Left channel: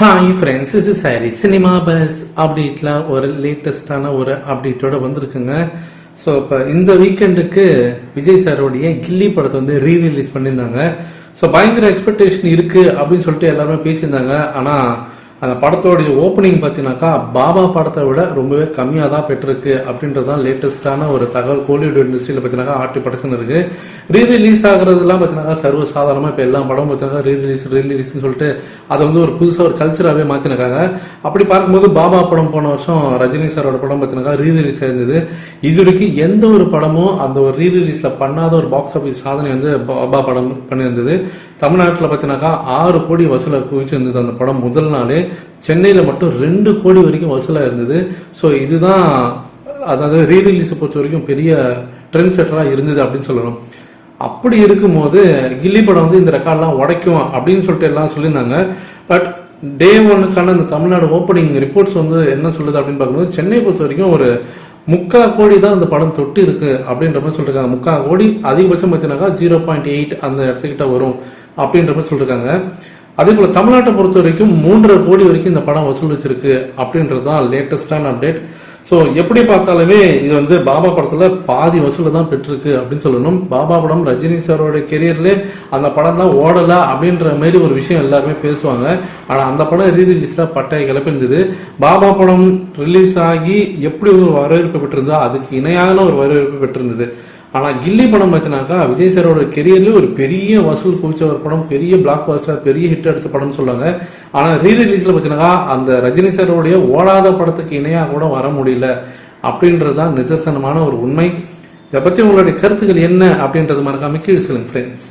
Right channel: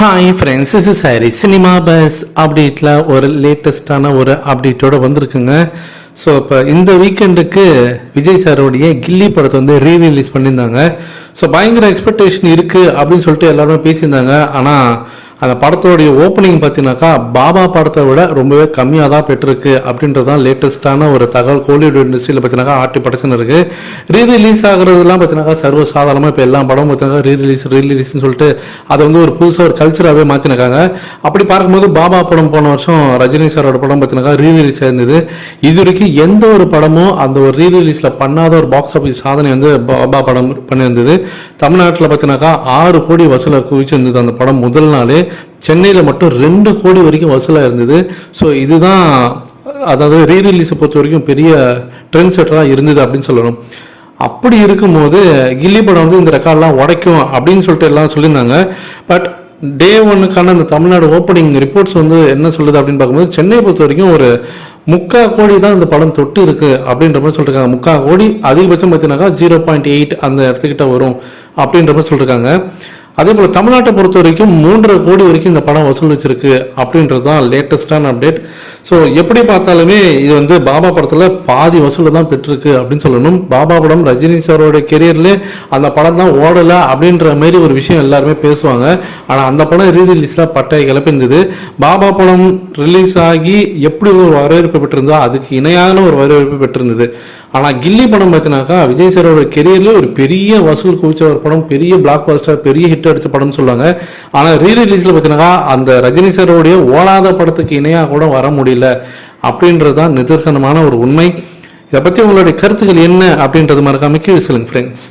Hi friends is is Harry cinema buzz அப்டேட்டில் ஒரு லேட்டஸ்டான ஒரு அப்டேட்டோட வந்திருக்குங்க. ஸோ இப்போ இந்த வீக்கெண்டுக்கு விஜய் சாரோடைய கில்லி படத்தை வந்து ரீ ரிலீஸ் பண்ணியிருந்தாங்க. ஸோ பயங்கர எக்ஸ்பெக்டேஷன் இருக்குது அப்படின்னு சொல்லிட்டு எல்லாருமே பேசியிருந்தாங்க. ஆனால் அந்த படத்தோடைய ஓப்பனிங் பார்த்தீங்கன்னாக்கா பாபா படத்தை விட ரொம்பவே கம்மியாக தான் பெற்றிருக்கு அப்படின்றது தான் லேட்டஸ்டான ஒரு தகவல். கோலிவுட் இண்டஸ்ட்ரியில் பார்த்தீங்கன்னாக்கா ஆர்டி படச்சுன்னு இருக்கு. ரீ ரிலீஸ் ஆகுறதுலாம் பார்த்தீங்கன்னாக்கா சர்வ சாதாரணமாக இப்போ எல்லா படமும் பார்த்தீங்கன்னா ரீ ரிலீஸ் ரீ ரிலீஸ்னு சொல்லிட்டு அதை வந்து ஒரு புதுசாக ஒரு கல்ச்சராகவே மாற்றினாங்க அப்படி பார்க்கும்போது பாபா படம் போன வருஷம் ரஜினி சாரோட படம் பார்த்தீங்கன்னா ரீ ரிலீஸ் ஆயிருந்தது. இது வரைக்கும் எந்த ஒரு படமும் அந்த ஒரு ரீ ரிலீஸில் பண்ணாத ஒரு பாக்ஸ் ஆஃபீஸ் சாதனை வந்து பாபா படம் பண்ணியிருந்தது. தமிழ்நாட்டில் பார்த்தீங்கன்னாக்கா ஆறு கோடி வசூலை குவிச்சிருந்தது அந்த படம் முதல் நாளே. சென்னையில் மட்டும் ரெண்டு கோடி வரைக்கும் வசூலாக இருந்தது. ஸோ இதுதான் அதாவது ரீ ரிலீஸை பொறுத்த வரைக்கும் பெரிய ட்ரெண்ட் செட்டராக இருந்தது அப்படின்னு சொல்லணும். அப்படி இருக்கும்போது கில்லி படம் வந்து இந்த ரெக்கார்ட்லாம் உடைக்கும் அப்படின்னு சொல்லிட்டு எல்லாம் சொல்லியிருந்தாங்க. பட் டே ஒன்னுக்கான அந்த தமிழ்நாடு ஓப்பனிங் ரிப்போர்ட்ஸ் வந்து என்ன சொல்லுது அப்படின்னு பார்க்கும்போது சென்னை பொறுத்த வரைக்கும் ஒரு முக்கா கோடி தான் இந்த படம் தொட்டு இருக்கு அப்படின்ற மாதிரி சொல்லிருக்காங்க. முக்கா கோடி அதிகபட்சம் பார்த்தீங்கன்னாக்கா ஜீரோ பாயிண்ட் எயிட் அந்த இடத்துக்கிட்ட வரும். அப்படின்ற மாதிரி சொல்லியிருக்காங்க அதே போல் தமிழ்நாட்டை பொறுத்த வரைக்கும் மூன்றரை கோடி வரைக்கும் இந்த படம் வசூல் வச்சிருக்கு அப்படின்றது தான் லேட்டஸ்டான அப்டேட் ஸோ எப்படி பார்த்தாலுமே இது வந்து பாபா படத்தில் பாதி வசூலில் தான் பெற்றிருக்கு அப்படின்னு சொல்லணும். பாபா படம் ரஜினி சாரோட கெரியரில் அந்த படம் தான் ஓடலை அப்படின்ற மாதிரி ஒரு விஷயம் எல்லாருமே பேசுவாங்க. ஆனால் அந்த படம் ரீ ரிலீஸில் பட்டை கிளப்பிருந்தது பாபா படம் ரிலீஸ் ஆகி எப்படி ஒரு வரவேற்பு பெற்றிருந்தோ அதுக்கு இணையான ஒரு வரவேற்பு பெற்றிருந்தது. ஆனால் கில்லி படம் பார்த்தினாக்கா விஜய் சாரோட கெரியர்ல ஒரு பெரிய வசூல் குவிச்ச ஒரு படம் பெரிய பிளாக் பாஸ்டர் பெரிய ஹிட் அடிச்ச படம்னு சொல்லுவாங்க. ஆனால் ரீ ரிலீஸில் பார்த்தினாக்கா அந்த ரஜினி சாரோடைய ஓடாத படத்துக்கு இணையாக கூட வர முடியல அப்படின்றது தான் நிதர்சனமான ஒரு உண்மை. இதை பற்றி உங்களுடைய கருத்துக்கள் என்ன அப்படின்றது மறக்காம கீழே சொல்லுங்க ஃப்ரெண்ட்ஸ்